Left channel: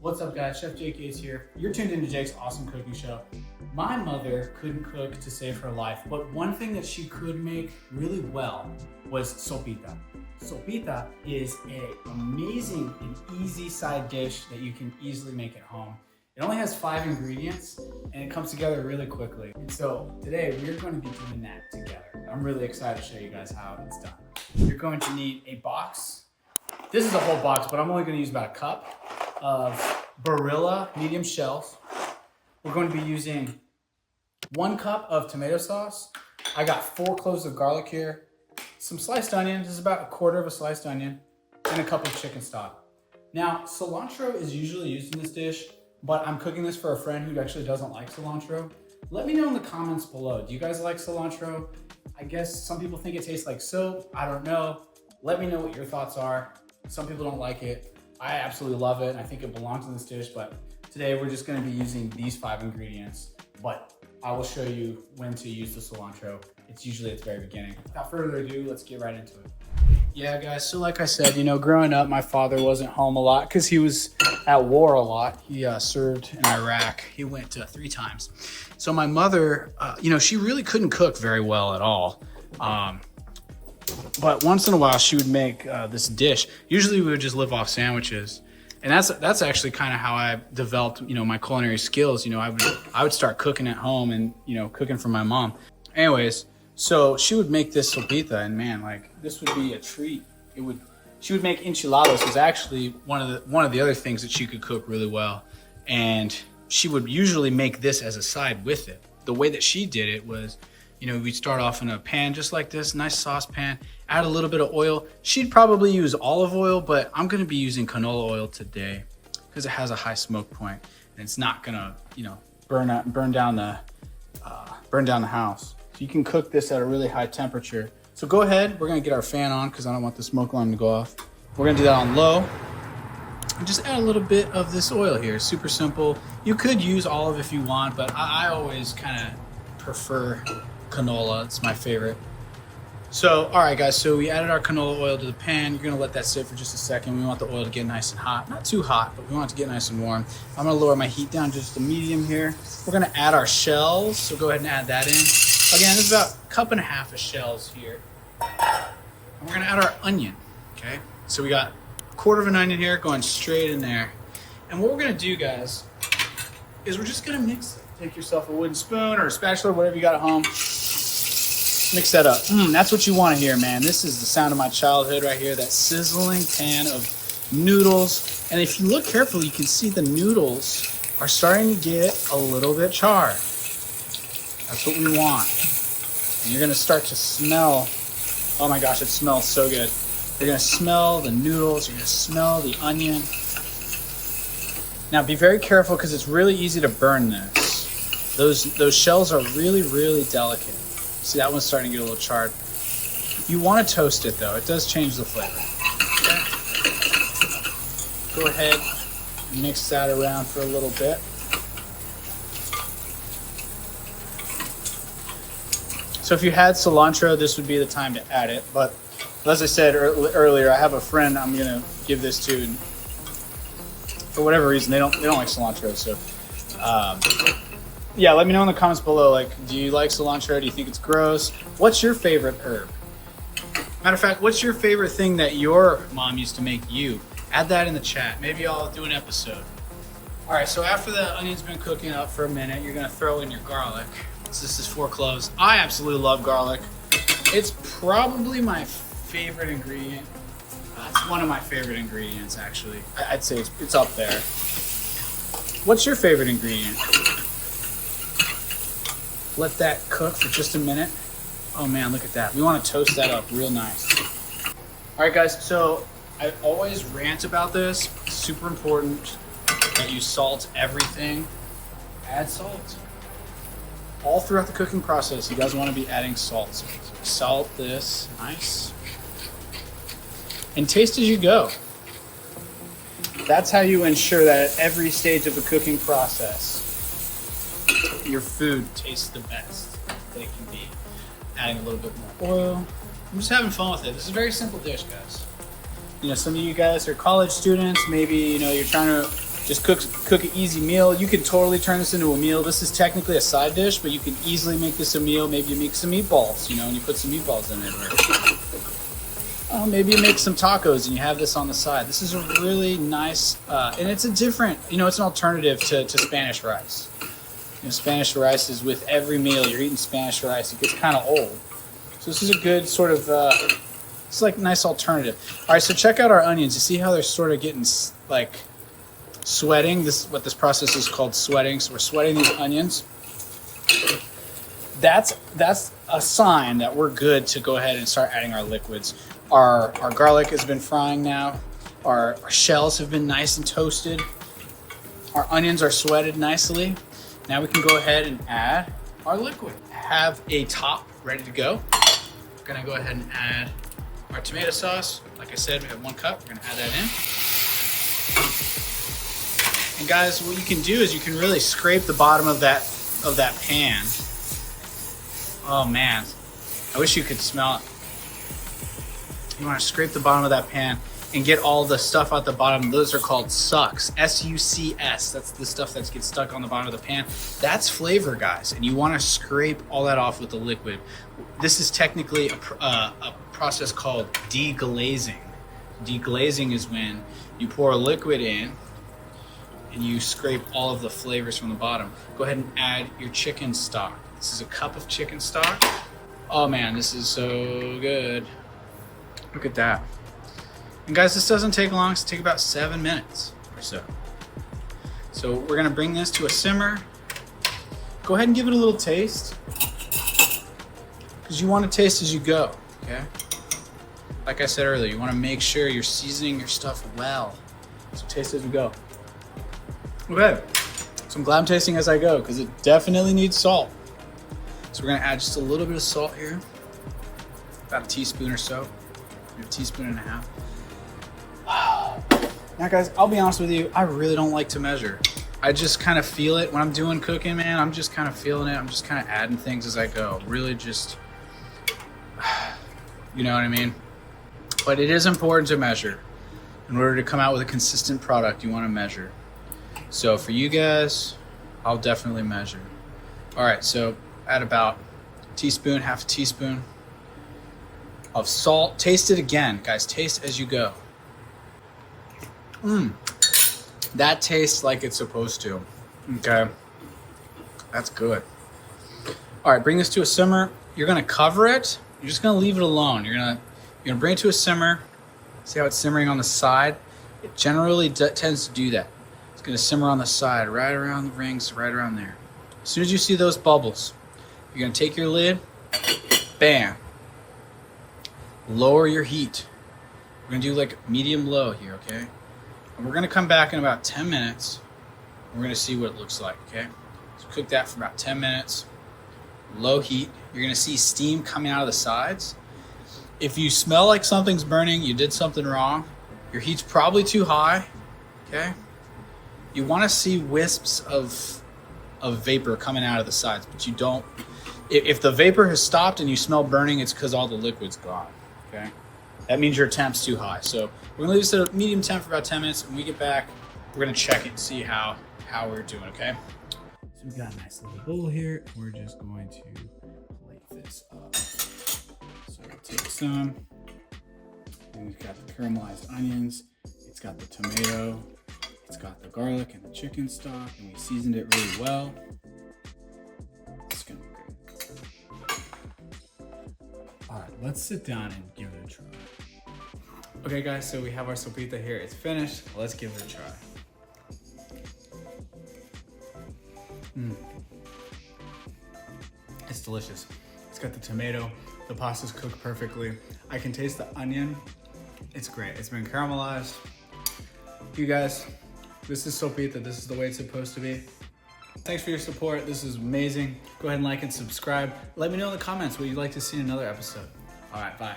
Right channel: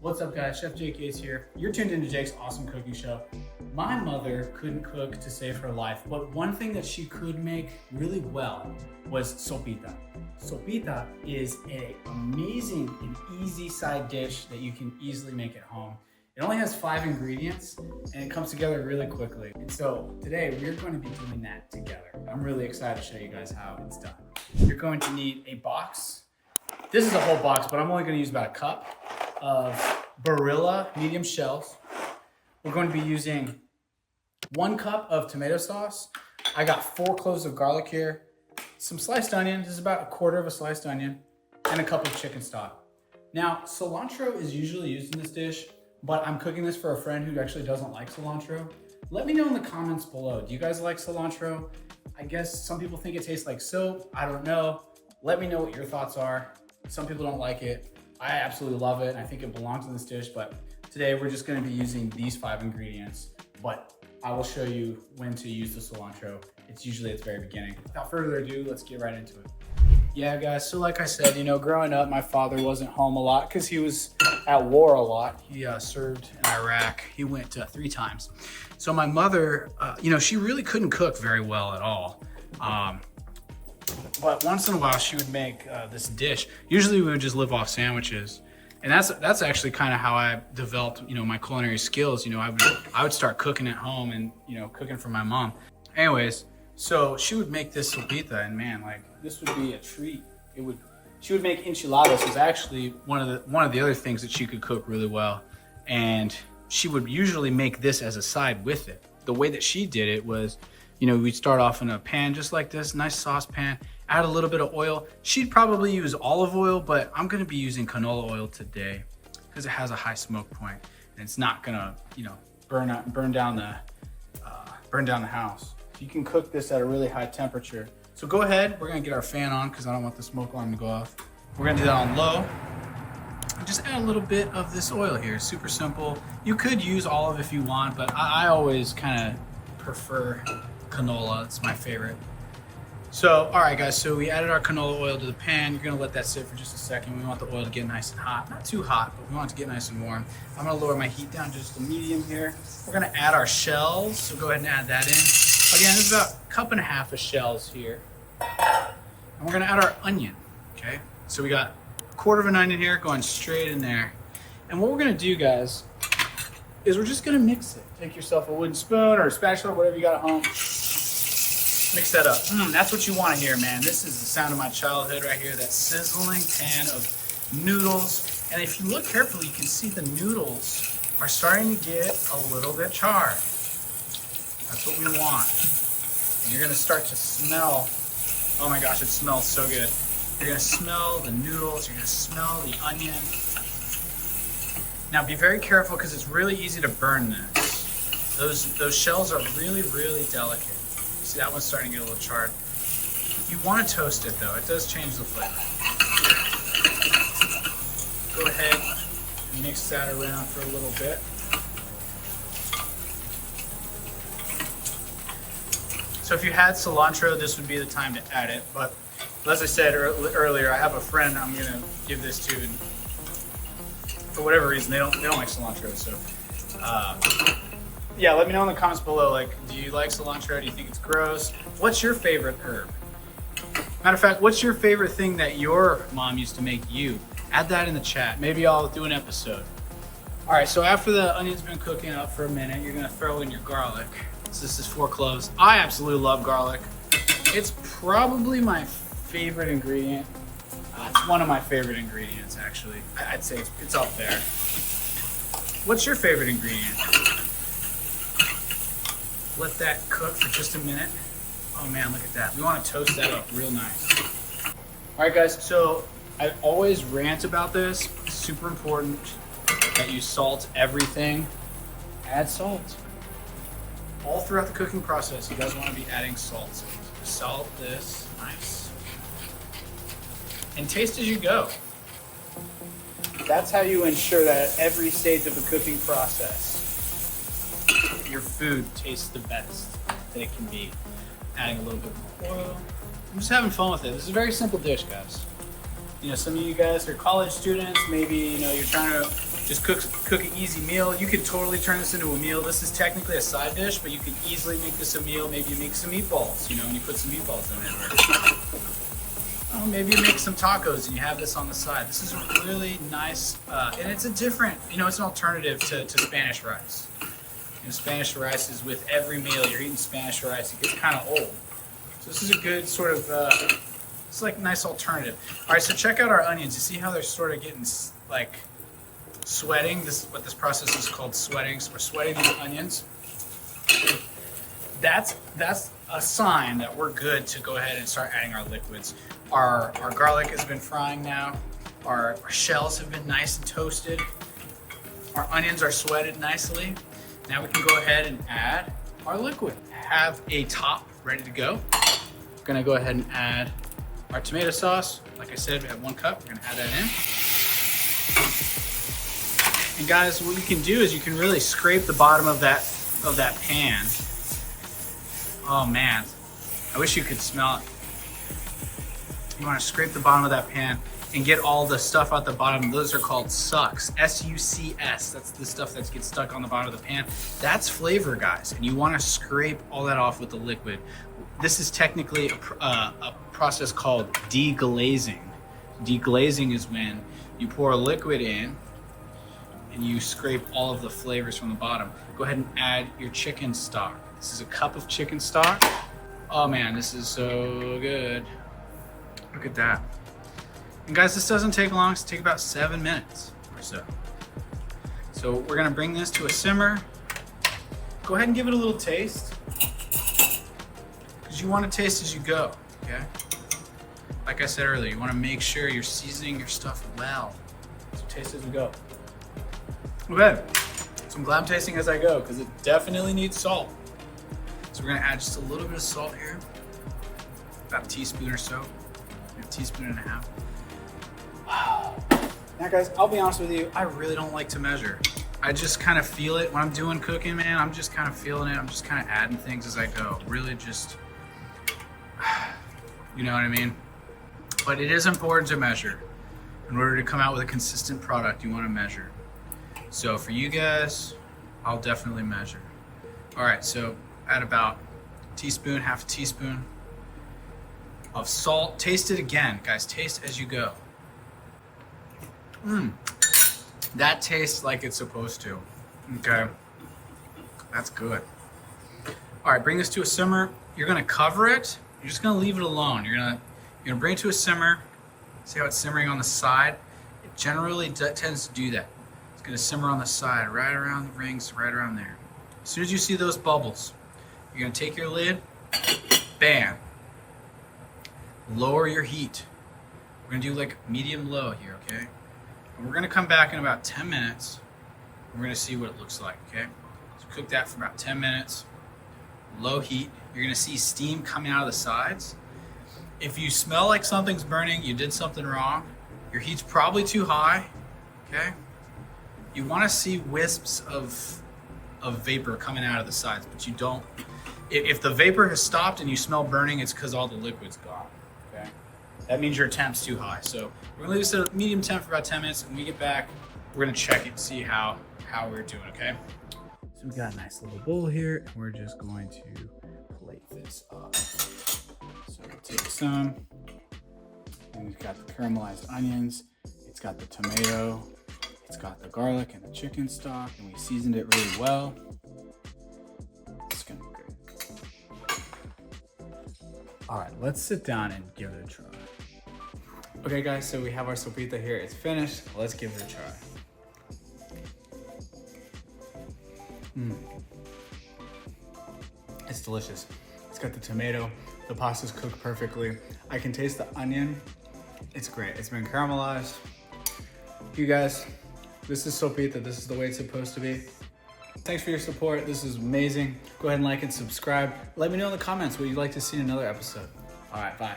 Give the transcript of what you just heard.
What's up guys, Chef Jake is here. You're tuned into Jake's awesome cooking show. My mother couldn't cook to save her life, but one thing that she could make really well was sopita. Sopita is an amazing and easy side dish that you can easily make at home. It only has 5 ingredients and it comes together really quickly. And so today we're going to be doing that together. I'm really excited to show you guys how it's done. You're going to need a box. This is a whole box, but I'm only going to use about a cup of Barilla medium shells. We're going to be using 1 cup of tomato sauce. I got 4 cloves of garlic here, some sliced onion, this is about 1/4 of a sliced onion, and a cup of chicken stock. Now, cilantro is usually used in this dish, but I'm cooking this for a friend who actually doesn't like cilantro. Let me know in the comments below. Do you guys like cilantro? I guess some people think it tastes like soap. I don't know. Let me know what your thoughts are. Some people don't like it. I absolutely love it. I think it belongs in this dish, but today we're just gonna be using these 5 ingredients, but I will show you when to use the cilantro. It's usually at the very beginning. Without further ado, let's get right into it. Yeah guys, so like I said, growing up, my father wasn't home a lot because he was at war a lot. He served in Iraq. He went 3 times. So my mother, she really couldn't cook very well at all. But once in a while she would make this dish. Usually we would just live off sandwiches. And that's actually kind of how I developed, my culinary skills. I would start cooking at home and, cooking for my mom. Anyways, so she would make this sopita, and man, this would be a treat. She would make enchiladas, was actually one of the other things that she could cook really well. And she would usually make this as a side with it. The way that she did it was, we'd start off in a pan just like this, nice saucepan, add a little bit of oil. She'd probably use olive oil, but I'm gonna be using canola oil today because it has a high smoke point and it's not gonna, burn down the house. So you can cook this at a really high temperature. So go ahead, we're gonna get our fan on because I don't want the smoke alarm to go off. We're gonna do that on low. And just add a little bit of this oil here, super simple. You could use olive if you want, but I always kind of prefer canola, it's my favorite. So, all right guys, so we added our canola oil to the pan. You're gonna let that sit for just a second. We want the oil to get nice and hot. Not too hot, but we want it to get nice and warm. I'm gonna lower my heat down just to medium here. We're gonna add our shells, so go ahead and add that in. Again, this is about 1.5 cups of shells here. And we're gonna add our onion, okay? So we got 1/4 of an onion here going straight in there. And what we're gonna do, guys, is we're just gonna mix it. Take yourself a wooden spoon or a spatula, whatever you got at home. Mix that up. That's what you want to hear, man. This is the sound of my childhood right here, that sizzling pan of noodles. And if you look carefully, you can see the noodles are starting to get a little bit charred. That's what we want. And you're going to start to smell, oh my gosh, it smells so good. You're going to smell the noodles, you're going to smell the onion. Now be very careful because it's really easy to burn this. Those shells are really, really delicate. See, that one's starting to get a little charred. You want to toast it though. It does change the flavor. Go ahead and mix that around for a little bit. So if you had cilantro, this would be the time to add it. But as I said earlier, I have a friend I'm going to give this to. And for whatever reason, they don't like cilantro. So yeah, let me know in the comments below, do you like cilantro? Do you think it's gross? What's your favorite herb? Matter of fact, what's your favorite thing that your mom used to make you? Add that in the chat. Maybe I'll do an episode. All right, so after the onion's been cooking up for a minute, you're gonna throw in your garlic. So this is 4 cloves. I absolutely love garlic. It's probably my favorite ingredient. It's one of my favorite ingredients, actually. I'd say it's up there. What's your favorite ingredient? Let that cook for just a minute. Oh man, look at that. We want to toast that up real nice. All right guys, so I always rant about this. It's super important that you salt everything. Add salt. All throughout the cooking process, you guys want to be adding salt. So salt this, nice. And taste as you go. That's how you ensure that at every stage of the cooking process, your food tastes the best that it can be. Adding a little bit more oil. I'm just having fun with it. This is a very simple dish, guys. Some of you guys are college students. Maybe, you're trying to Just cook an easy meal. You can totally turn this into a meal. This is technically a side dish, but you can easily make this a meal. Maybe you make some meatballs, and you put some meatballs in it. Maybe you make some tacos and you have this on the side. This is a really nice, and it's a different, it's an alternative to Spanish rice. Spanish rice is with every meal. You're eating Spanish rice. It gets kind of old. So this is a good sort of, it's like a nice alternative. All right, so check out our onions. You see how they're sort of getting like sweating? What this process is called sweating. So we're sweating these onions. That's a sign that we're good to go ahead and start adding our liquids. Our garlic has been frying now. Our shells have been nice and toasted. Our onions are sweated nicely. Now we can go ahead and add our liquid. Have a top ready to go. We're gonna go ahead and add our tomato sauce. Like I said, we have 1 cup. We're gonna add that in. And guys, what you can do is you can really scrape the bottom of that pan. Oh man, I wish you could smell it. You wanna scrape the bottom of that pan and get all the stuff out the bottom. Those are called sucks, S-U-C-S. That's the stuff that gets stuck on the bottom of the pan. That's flavor, guys, and you wanna scrape all that off with the liquid. This is technically a process called deglazing. Deglazing is when you pour a liquid in and you scrape all of the flavors from the bottom. Go ahead and add your chicken stock. This is a cup of chicken stock. Oh man, this is so good. Look at that. And guys, this doesn't take long. It's take about 7 minutes or so. So we're gonna bring this to a simmer. Go ahead and give it a little taste, because you want to taste as you go, okay? Like I said earlier, you want to make sure you're seasoning your stuff well. So taste as you go. Okay, so I'm glad I'm tasting as I go, because it definitely needs salt. So we're gonna add just a little bit of salt here, about a teaspoon or so, a teaspoon and a half. Now guys, I'll be honest with you, I really don't like to measure. I just kind of feel it when I'm doing cooking, man. I'm just kind of feeling it. I'm just kind of adding things as I go. Really just, you know what I mean? But it is important to measure. In order to come out with a consistent product, you want to measure. So for you guys, I'll definitely measure. All right, so add about a teaspoon, half a teaspoon of salt. Taste it again, guys. Taste as you go. That tastes like it's supposed to. Okay, that's good. All right, bring this to a simmer. You're gonna cover it. You're just gonna leave it alone. You're gonna bring it to a simmer. See how it's simmering on the side? It generally tends to do that. It's gonna simmer on the side, right around the rings, right around there. As soon as you see those bubbles, you're gonna take your lid, bam. Lower your heat. We're gonna do like medium low here, okay? And we're gonna come back in about 10 minutes. We're gonna see what it looks like, okay? So cook that for about 10 minutes. Low heat. You're gonna see steam coming out of the sides. If you smell like something's burning, you did something wrong. Your heat's probably too high, okay? You wanna see wisps of vapor coming out of the sides, but you don't. If the vapor has stopped and you smell burning, it's because all the liquid's gone, okay? That means your temp's too high. So we're gonna leave this at a medium temp for about 10 minutes. When we get back, we're gonna check it and see how we're doing, okay? So we've got a nice little bowl here, and we're just going to plate this up. So we'll take some, and we've got the caramelized onions, it's got the tomato, it's got the garlic and the chicken stock, and we seasoned it really well. It's gonna be good. All right, let's sit down and give it a try. Okay guys, so we have our sopita here. It's finished. Let's give it a try. It's delicious. It's got the tomato. The pasta's cooked perfectly. I can taste the onion. It's great. It's been caramelized. You guys, this is sopita. This is the way it's supposed to be. Thanks for your support. This is amazing. Go ahead and like and subscribe. Let me know in the comments what you'd like to see in another episode. All right, bye.